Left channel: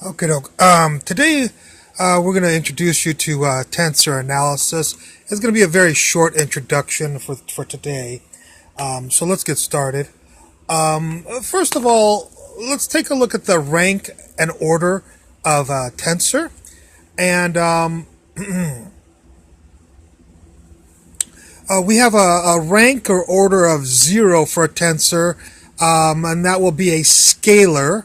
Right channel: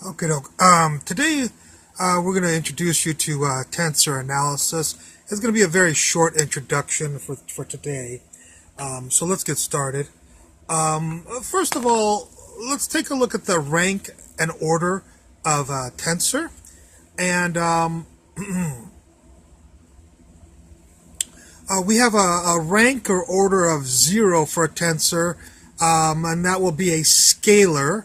Okay, today we're going to introduce you to tensor analysis. It's going to be a very short introduction for today. So let's get started. First of all, let's take a look at the rank and order of a tensor. And we have a rank or order of 0 for a tensor, and that will be a scalar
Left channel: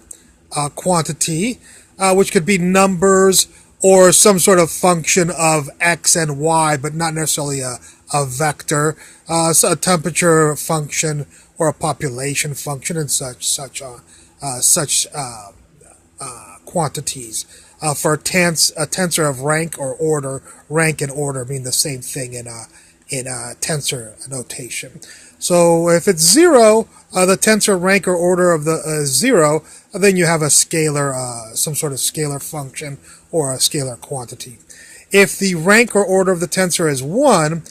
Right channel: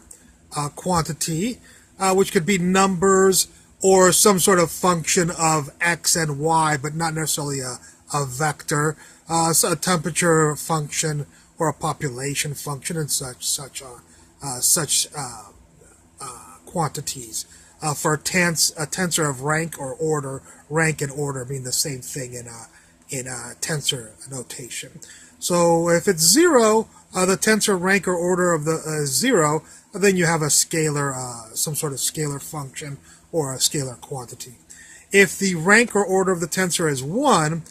quantity, which could be numbers or some sort of function of x and y, but not necessarily a vector, so a temperature function or a population function, and such quantities. For a tensor of rank or order, rank and order mean the same thing in tensor notation. So if it's 0, the tensor rank or order of the 0, then you have a scalar, some sort of scalar function or a scalar quantity. If the rank or order of the tensor is 1,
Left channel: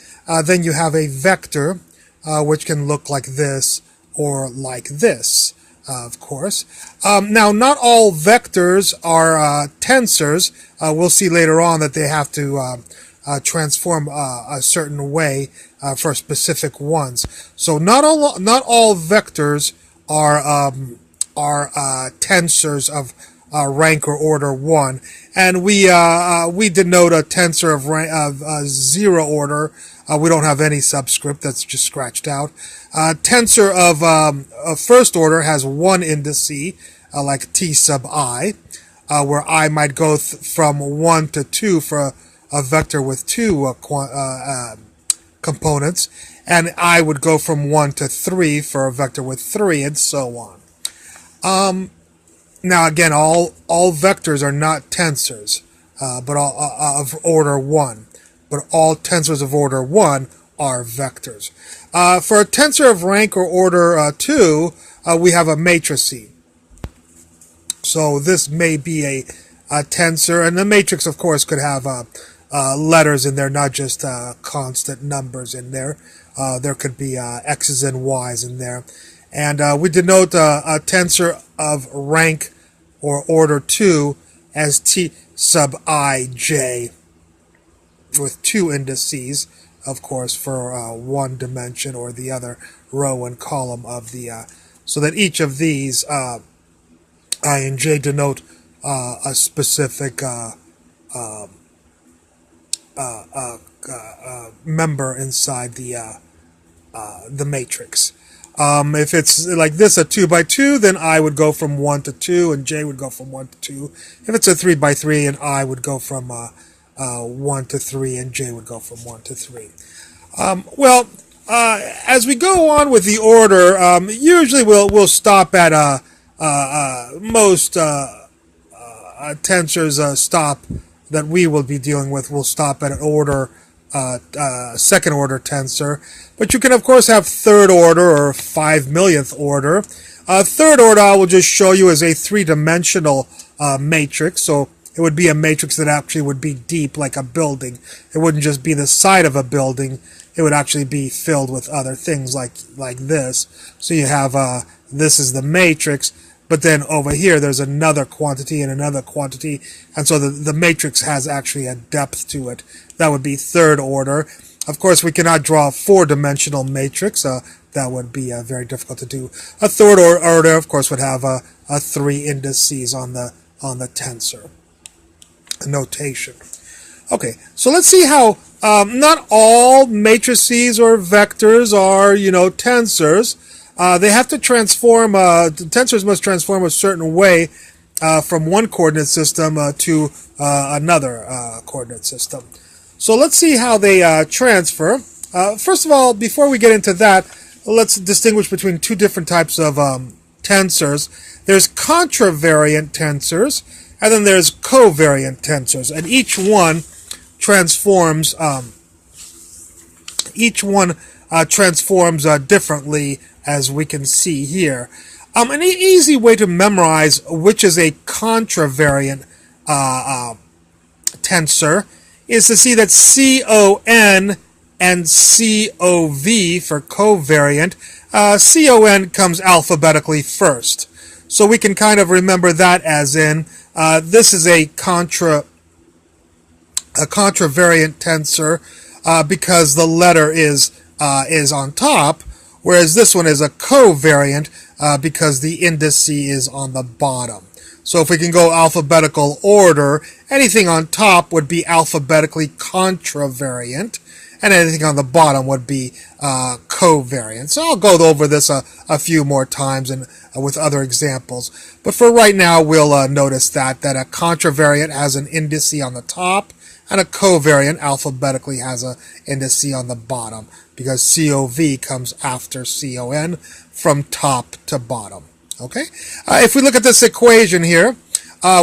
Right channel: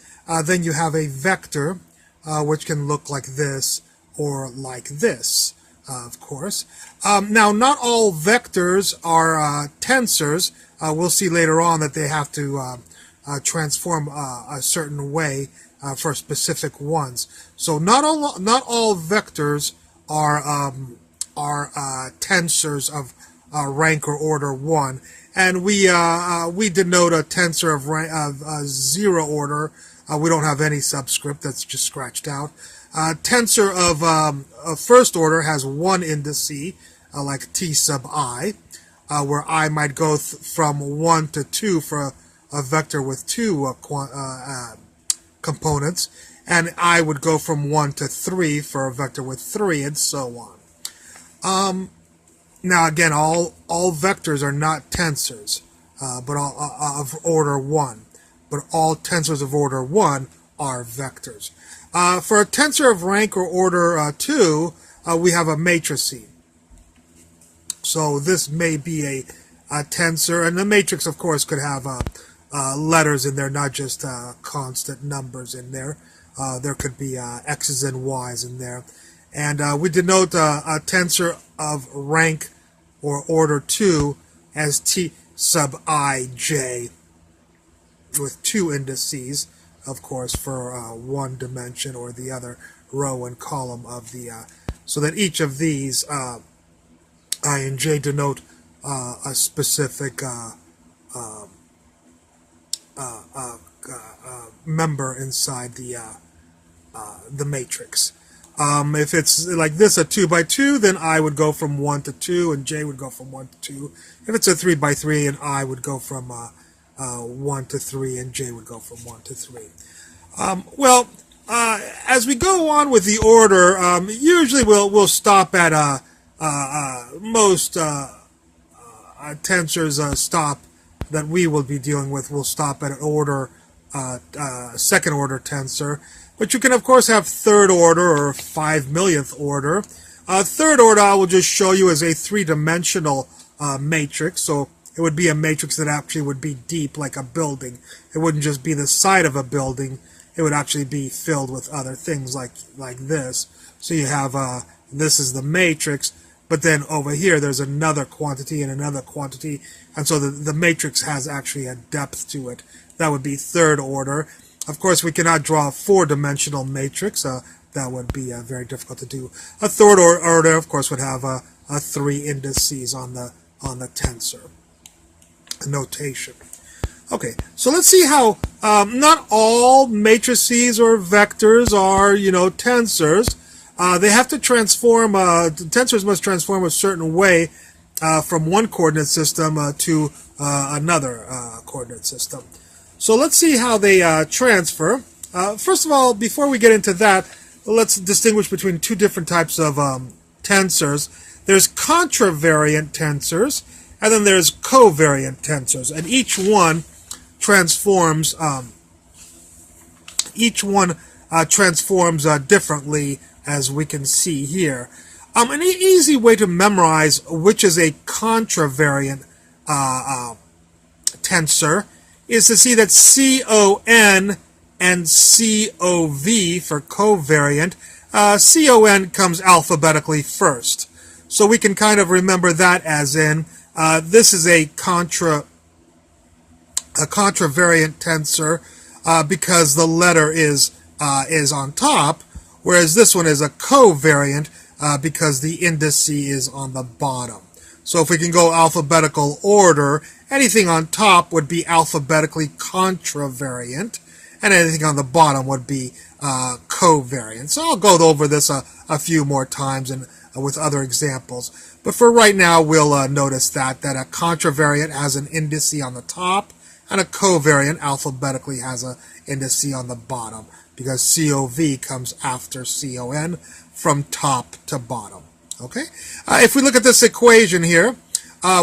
then you have a vector, which can look like this or like this, of course. Now, not all vectors are tensors. We'll see later on that they have to transform a certain way for specific ones. So not all vectors are tensors of rank or order 1, and we denote a tensor of 0 order. We don't have any subscript; that's just scratched out. Tensor of first order has 1 indice, like t sub I, where I might go from 1 to 2 for a vector with 2 components, and I would go from 1 to 3 for a vector with 3, and so on. Now again, all vectors are not tensors, but all of order 1. But all tensors of order 1 are vectors. For a tensor of rank or order 2, we have a matrix. So this may be a tensor, and the matrix, of course, could have letters in there, not just constant numbers in there. There could be x's and y's in there. And we denote a tensor of rank or order 2 as t sub ij, with 2 indices, of course, for one dimension or the other row and column of the, so that each of these I and j denote a specific member inside the matrix. If it's like this, a 2 by 2, then I would go from 1 to 2, and j would go from 1 to 2. If it's a 3 by 3, and I would go from 1 to 3, and j would go from 1 to 3. As we go on with the order, usually we'll stop at most tensors stop that we will be dealing with. We'll stop at an order, second order tensor. But you can, of course, have third order or 5 millionth order. Third order I will just show you as a 3-dimensional matrix. So it would be a matrix that actually would be deep, like a building. It wouldn't just be the side of a building. It would actually be filled with other things like this. So you have, this is the matrix, but then over here there's another quantity and another quantity. And so the matrix has actually a depth to it. That would be third order. Of course, we cannot draw a 4-dimensional matrix. That would be very difficult to do. A third order, of course, would have 3 indices on the tensor notation. Okay, so let's see how not all matrices or vectors are, tensors. They have to transform. Tensors must transform a certain way from one coordinate system to another coordinate system. So let's see how they transfer. First of all, before we get into that, let's distinguish between 2 different types of tensors. There's contravariant tensors, and then there's covariant tensors, and each one transforms. Differently, as we can see here. An easy way to memorize which is a contravariant tensor is to see that CON and COV for covariant, CON comes alphabetically first. So we can kind of remember that as in this is a contravariant tensor because the letter is on top, whereas this one is a covariant because the indice is on the bottom. So if we can go alphabetical order, anything on top would be alphabetically contravariant, and anything on the bottom would be covariant. So I'll go over this a few more times and with other examples. But for right now, we'll notice that a contravariant has an indice on the top, and a covariant alphabetically has an indice on the bottom, because COV comes after CON from top to bottom. Okay. If we look at this equation here,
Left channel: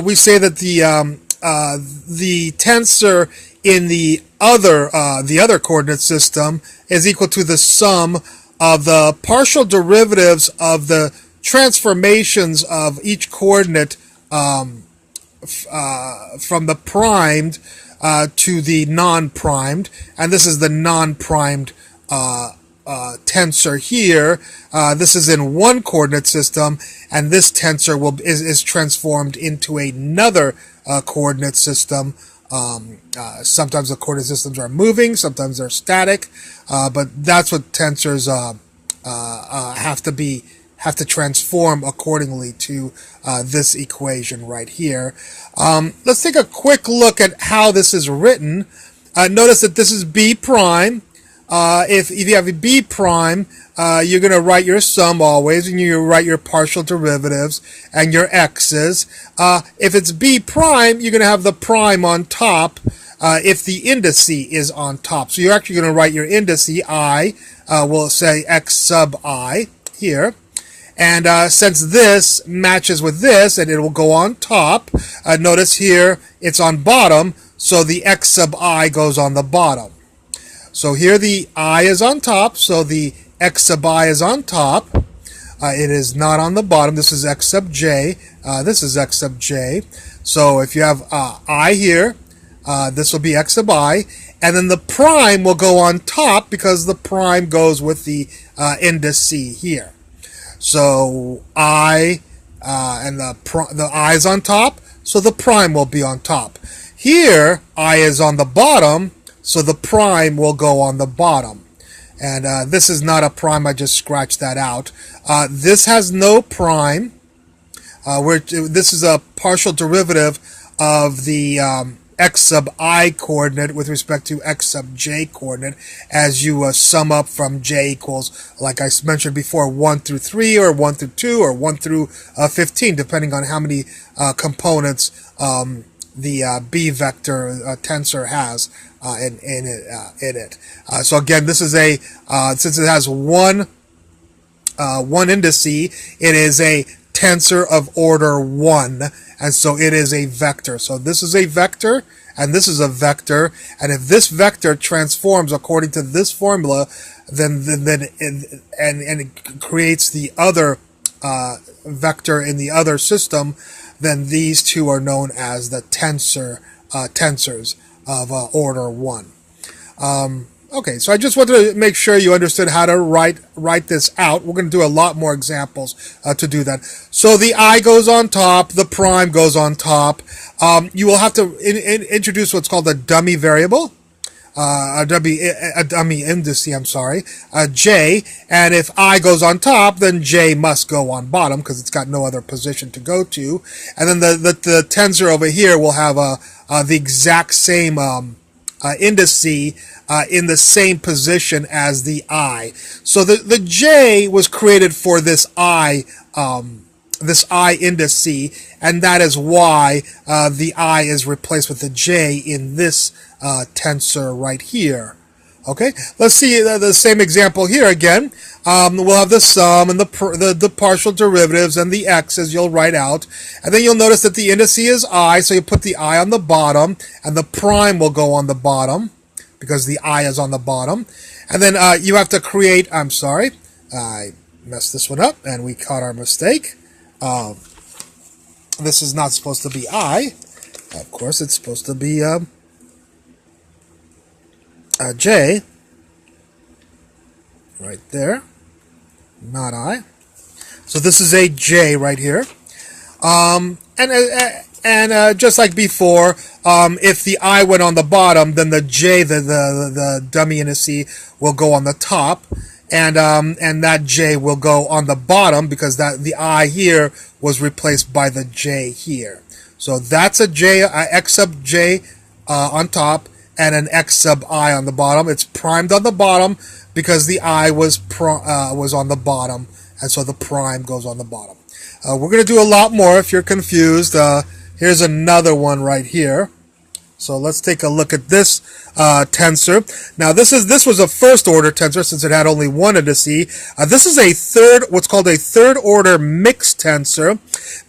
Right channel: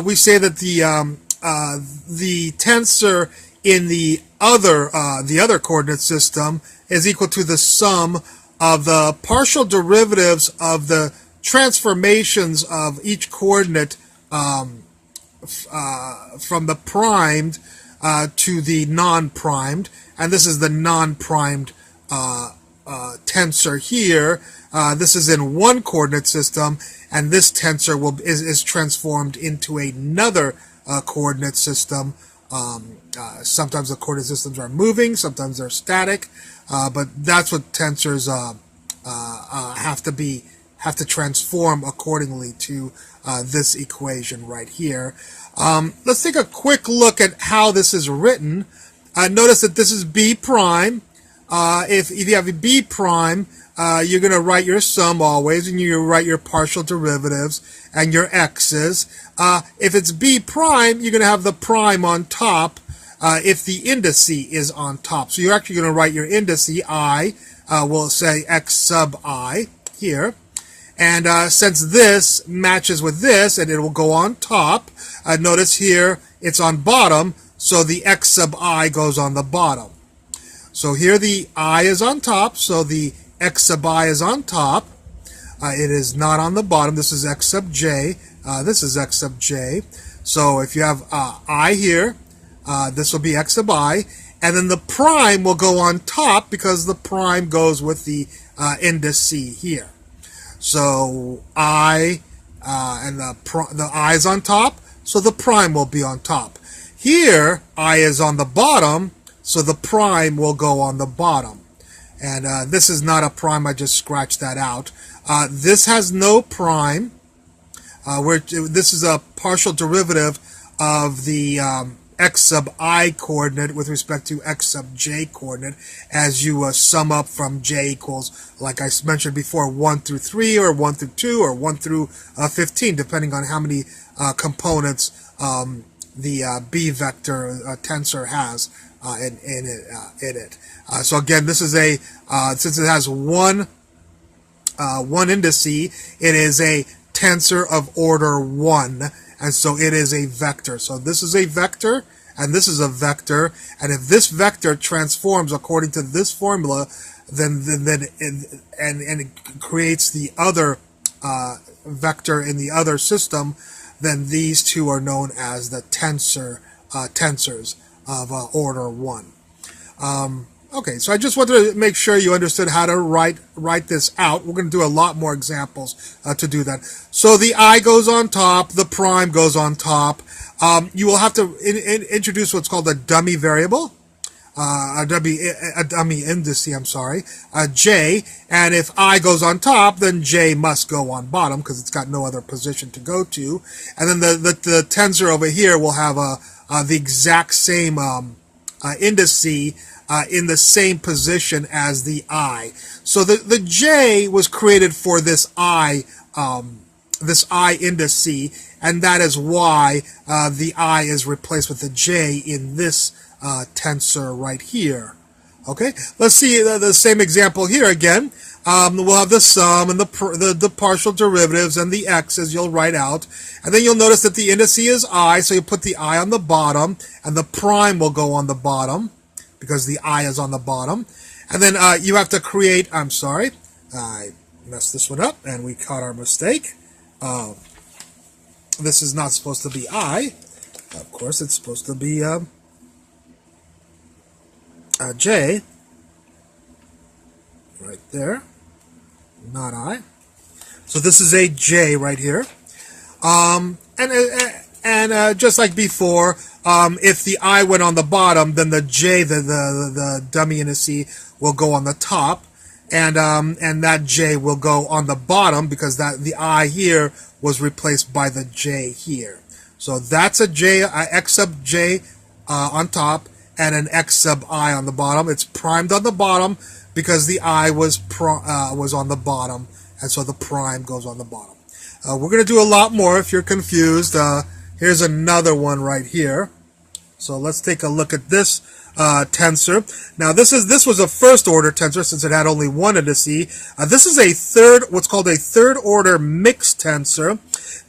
we say that the tensor in the other coordinate system is equal to the sum of the partial derivatives of the transformations of each coordinate from the primed to the non-primed, and this is the non-primed tensor here. This is in one coordinate system, and this tensor is transformed into another coordinate system. Sometimes the coordinate systems are moving, sometimes they're static, but that's what tensors have to transform accordingly to this equation right here. Let's take a quick look at how this is written. Notice that this is B prime. If you have a B prime, you're going to write your sum always, and you write your partial derivatives and your x's. If it's B prime, you're going to have the prime on top if the indice is on top. So you're actually going to write your indice, I, we'll say x sub I here. And since this matches with this, and it will go on top, notice here it's on bottom, so the x sub I goes on the bottom. So here the I is on top, so the x sub I is on top. It is not on the bottom. This is x sub j. This is x sub j. So if you have I here, this will be x sub I. And then the prime will go on top because the prime goes with the indice here. So I, and the I is on top, so the prime will be on top. Here, I is on the bottom, so the prime will go on the bottom. And this is not a prime, I just scratched that out. This has no prime. This is a partial derivative of the x sub I coordinate with respect to x sub j coordinate as you sum up from j equals, like I mentioned before, 1 through 3 or 1 through 2 or 1 through 15, depending on how many components the B vector tensor has in it. So again, this is a since it has one indice, it is a tensor of order 1, and so it is a vector. So this is a vector, and this is a vector, and if this vector transforms according to this formula, then it creates the other vector in the other system, then these two are known as the tensors of order 1. Okay, so I just wanted to make sure you understood how to write this out. We're going to do a lot more examples to do that. So the I goes on top, the prime goes on top. You will have to introduce what's called a dummy variable, a dummy indice, I'm sorry, j. And if I goes on top, then j must go on bottom because it's got no other position to go to. And then the tensor over here will have the exact same indice in the same position as the I. So the j was created for this I indice, and that is why the I is replaced with the j in this tensor right here. Okay, let's see the same example here again. We'll have the sum and the partial derivatives and the x's you'll write out, and then you'll notice that the indice is I, so you put the I on the bottom, and the prime will go on the bottom because the I is on the bottom. And then you have to create, I'm sorry, I messed this one up and we caught our mistake. This is not supposed to be I. Of course, it's supposed to be j. Right there. Not I. So this is a j right here. And just like before, if the I went on the bottom, then the J, the dummy indice, will go on the top, and that J will go on the bottom because the I here was replaced by the J here. So that's a J, X sub J on top, and an X sub I on the bottom. It's primed on the bottom because the I was on the bottom, and so the prime goes on the bottom. We're going to do a lot more if you're confused. Here's another one right here. So let's take a look at this tensor. Now this was a first order tensor since it had only one indice. This is what's called a third order mixed tensor,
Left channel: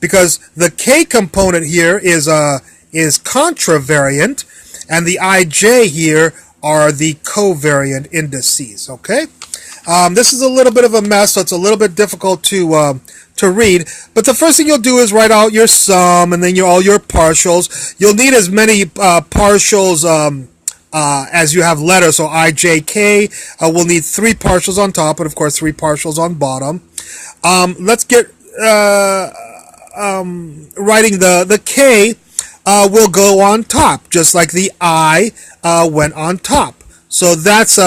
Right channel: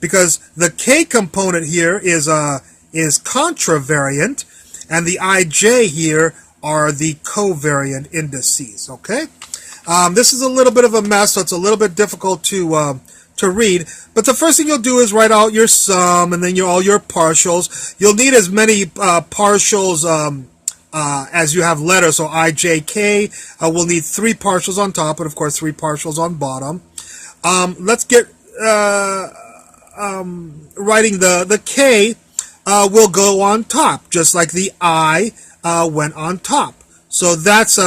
because the K component here is contravariant, and the IJ here are the covariant indices. Okay, this is a little bit of a mess, so it's a little bit difficult to read, but the first thing you'll do is write out your sum and then all your partials. You'll need as many partials as you have letters, so I, J, K. We'll need 3 partials on top, and of course 3 partials on bottom. Let's get writing the K will go on top, just like the I went on top. So that's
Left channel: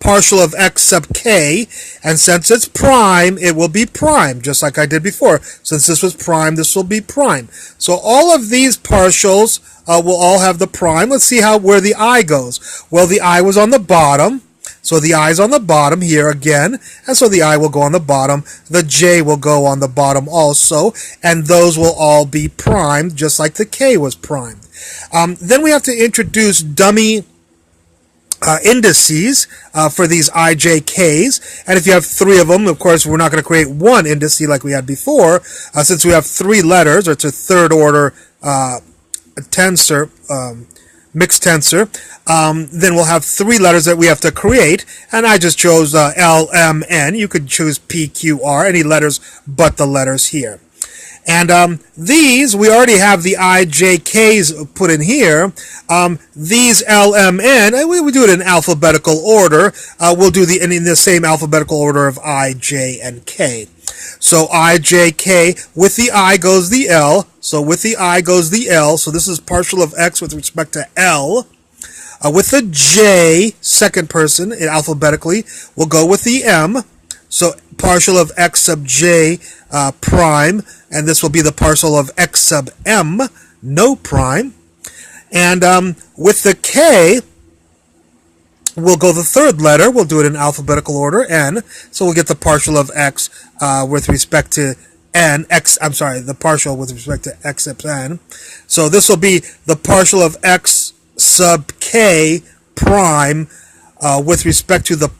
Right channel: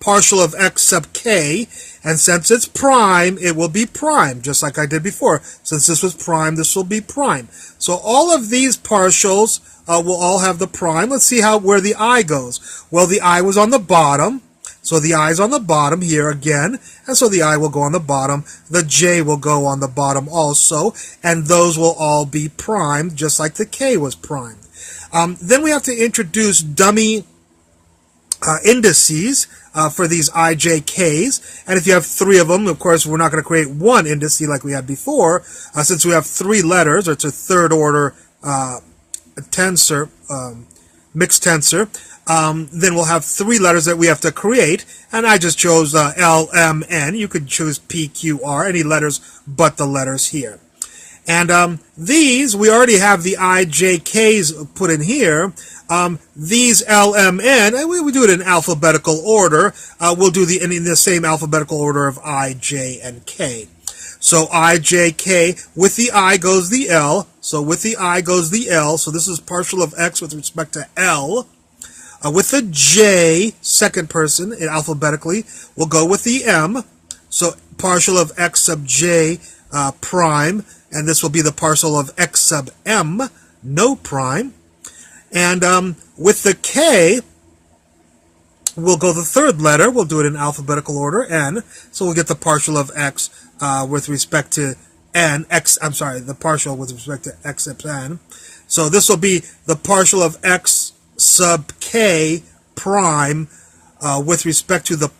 partial of X sub K, and since it's prime, it will be prime, just like I did before. Since this was prime, this will be prime. So all of these partials will all have the prime. Let's see where the I goes. Well, the I was on the bottom, so the I is on the bottom here again, and so the I will go on the bottom. The J will go on the bottom also, and those will all be primed, just like the K was primed. Then we have to introduce dummy indices for these IJKs, and if you have 3 of them, of course, we're not going to create one indice like we had before, since we have 3 letters, or it's a third order tensor, mixed tensor. Then we'll have 3 letters that we have to create, and I just chose L, M, N. You could choose P, Q, R, any letters but the letters here. And these, we already have the IJKs put in here. These LMN, we do it in alphabetical order. We'll do in the same alphabetical order of I, J, and K. So I, J, K, with the I goes the L. So with the I goes the L. So this is partial of X with respect to L. With the J, second person, alphabetically, we'll go with the M. So partial of X sub J prime, and this will be the partial of X sub M, no prime. And with the K, we'll go the third letter. We'll do it in alphabetical order, N. So we'll get the partial of X with respect to N. The partial with respect to X sub N. So this will be the partial of X sub K prime with respect to the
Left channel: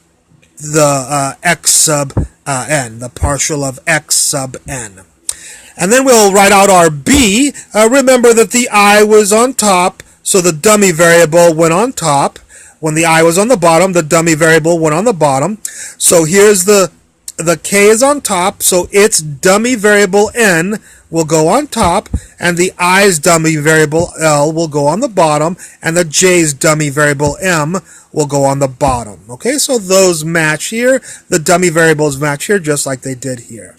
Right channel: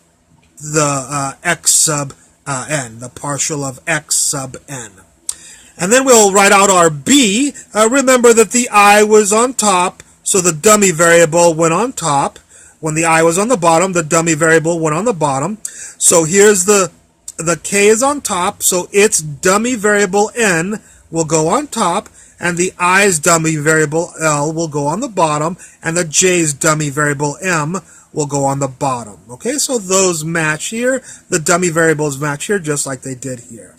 X sub N, the partial of X sub N. And then we'll write out our B. Remember that the I was on top, so the dummy variable went on top. When the I was on the bottom, the dummy variable went on the bottom. So here's the K is on top, so its dummy variable N will go on top, and the I's dummy variable L will go on the bottom, and the J's dummy variable M will go on the bottom. Okay, so those match here. The dummy variables match here just like they did here.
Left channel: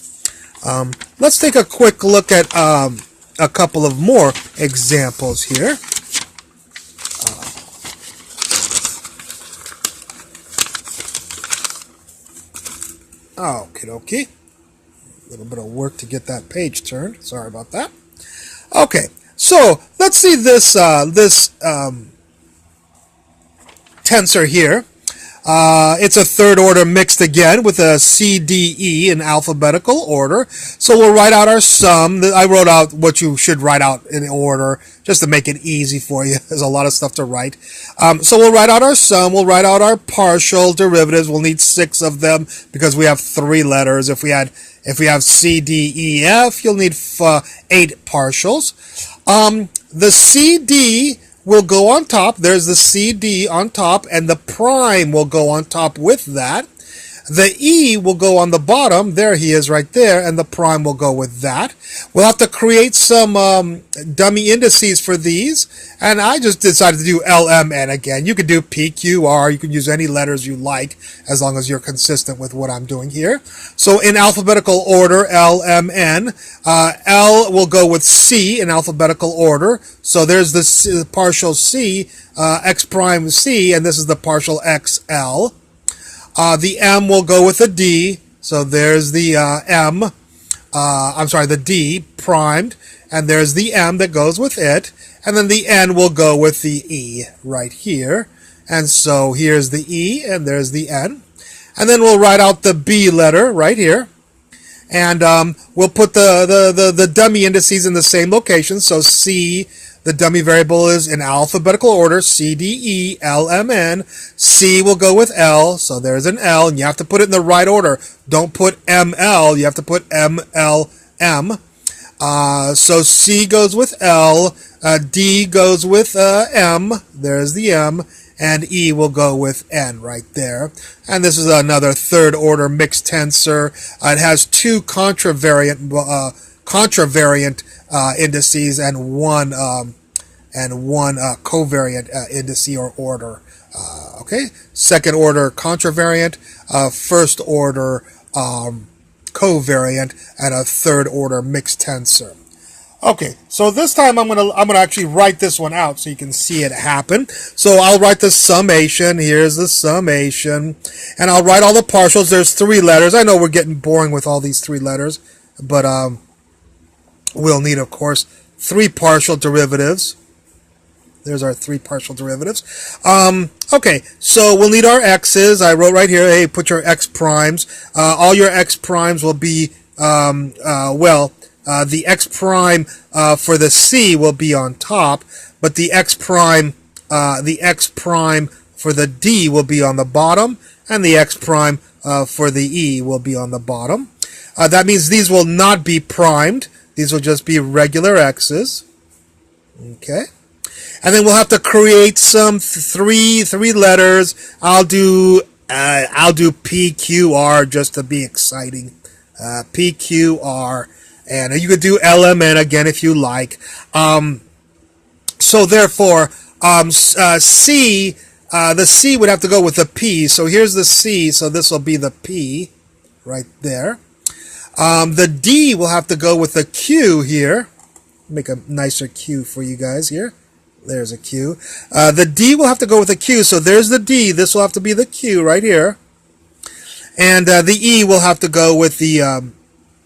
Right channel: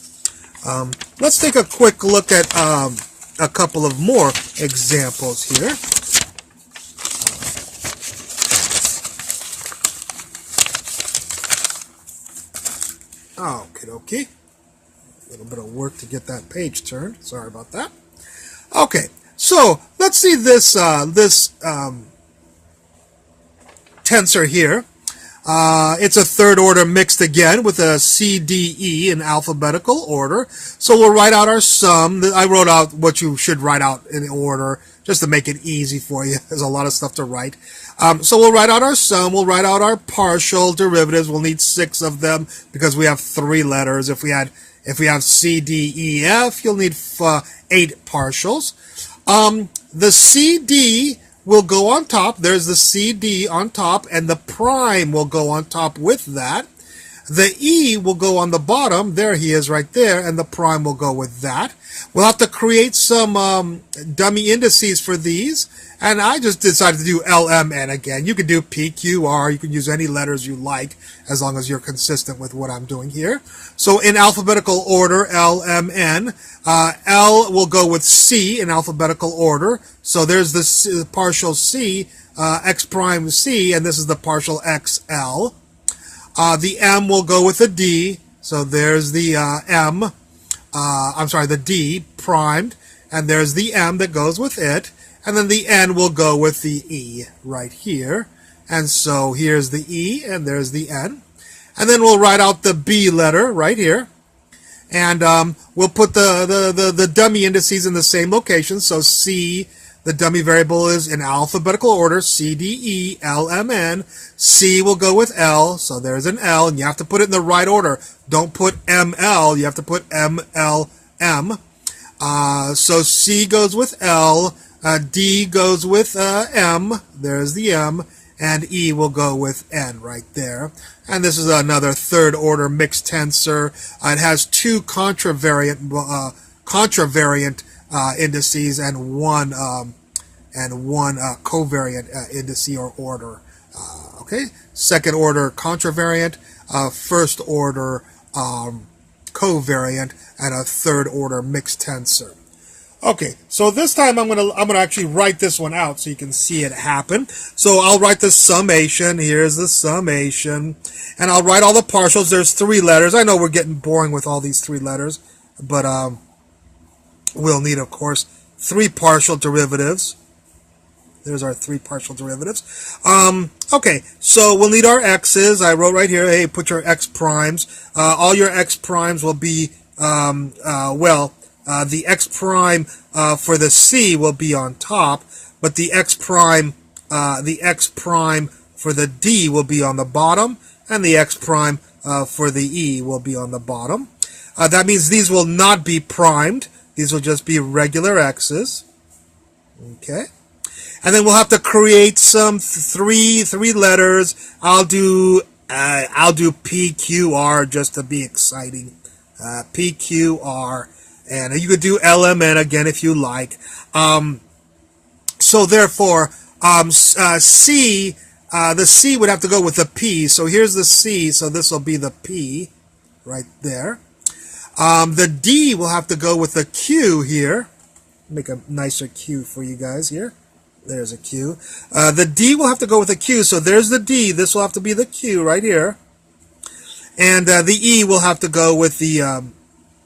Let's take a quick look at a couple of more examples here. Okay. A little bit of work to get that page turned. Sorry about that. Okay, so let's see this tensor here. It's a third order mixed again with a C, D, E in alphabetical order. So we'll write out our sum. I wrote out what you should write out in order just to make it easy for you. There's a lot of stuff to write. So we'll write out our sum. We'll write out our partial derivatives. We'll need 6 of them because we have 3 letters. If we have C, D, E, F, you'll need 8 partials. The CD will go on top. There's the CD on top, and the prime will go on top with that. The E will go on the bottom. There he is right there, and the prime will go with that. We'll have to create some dummy indices for these, and I just decided to do LMN again. You could do PQR. You can use any letters you like as long as you're consistent with what I'm doing here. So in alphabetical order, LMN. L will go with C in alphabetical order. So there's the partial C, X prime C, and this is the partial XL. The M will go with the D, so there's the the D primed, and there's the M that goes with it, and then the N will go with the E right here, and so here's the E, and there's the N, and then we'll write out the B letter right here, and we'll put the dummy indices in the same location, so C, the dummy variable is in alphabetical order, C, D, E, L, M, N. C will go with L, so there's an L, and you have to put it in the right order. Don't put M, L, you have to put M, L, M. So C goes with L, D goes with M, there's the M, and E will go with N right there. And this is another third order mixed tensor. It has two contravariant indices and one covariant indice or order. Okay, second order contravariant, first order covariant, and a third order mixed tensor. Okay, so this time I'm gonna actually write this one out so you can see it happen. So I'll write the summation. Here's the summation, and I'll write all the partials. There's 3 letters. I know we're getting boring with all these 3 letters, but we'll need, of course, 3 partial derivatives. There's our 3 partial derivatives. Okay, so we'll need our x's. I wrote right here, hey, put your x primes. All your x primes will be, the x prime for the C will be on top, but the x prime for the D will be on the bottom, and the x prime for the E will be on the bottom. That means these will not be primed. These will just be regular x's. Okay. And then we'll have to create some three letters. I'll do PQR just to be exciting. PQR, and you could do LMN again if you like. So therefore, C, the C would have to go with the P. So here's the C. So this will be the P right there. The D will have to go with the Q here. Make a nicer Q for you guys here. There's a Q. The D will have to go with the Q, so there's the D. This will have to be the Q right here. And the E will have to go with the,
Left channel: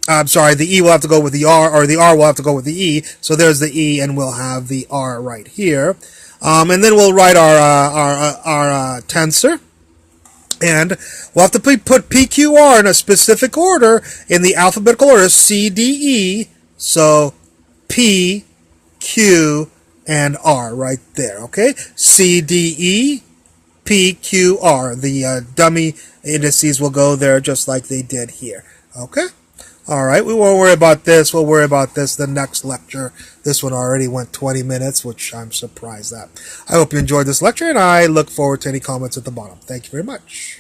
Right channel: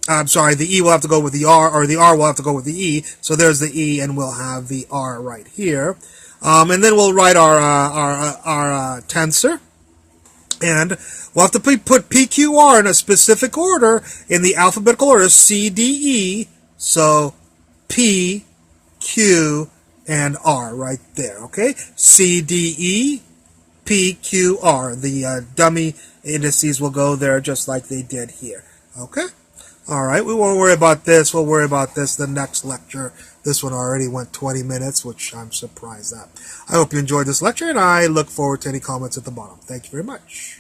the E will have to go with the R, or the R will have to go with the E. So there's the E, and we'll have the R right here. And then we'll write our tensor. And we'll have to put PQR in a specific order in the alphabetical order, C, D, E. So P, Q, and R right there, okay? C, D, E, P, Q, R. The dummy indices will go there just like they did here, okay? All right, we won't worry about this. We'll worry about this the next lecture. This one already went 20 minutes, which I'm surprised at. I hope you enjoyed this lecture, and I look forward to any comments at the bottom. Thank you very much.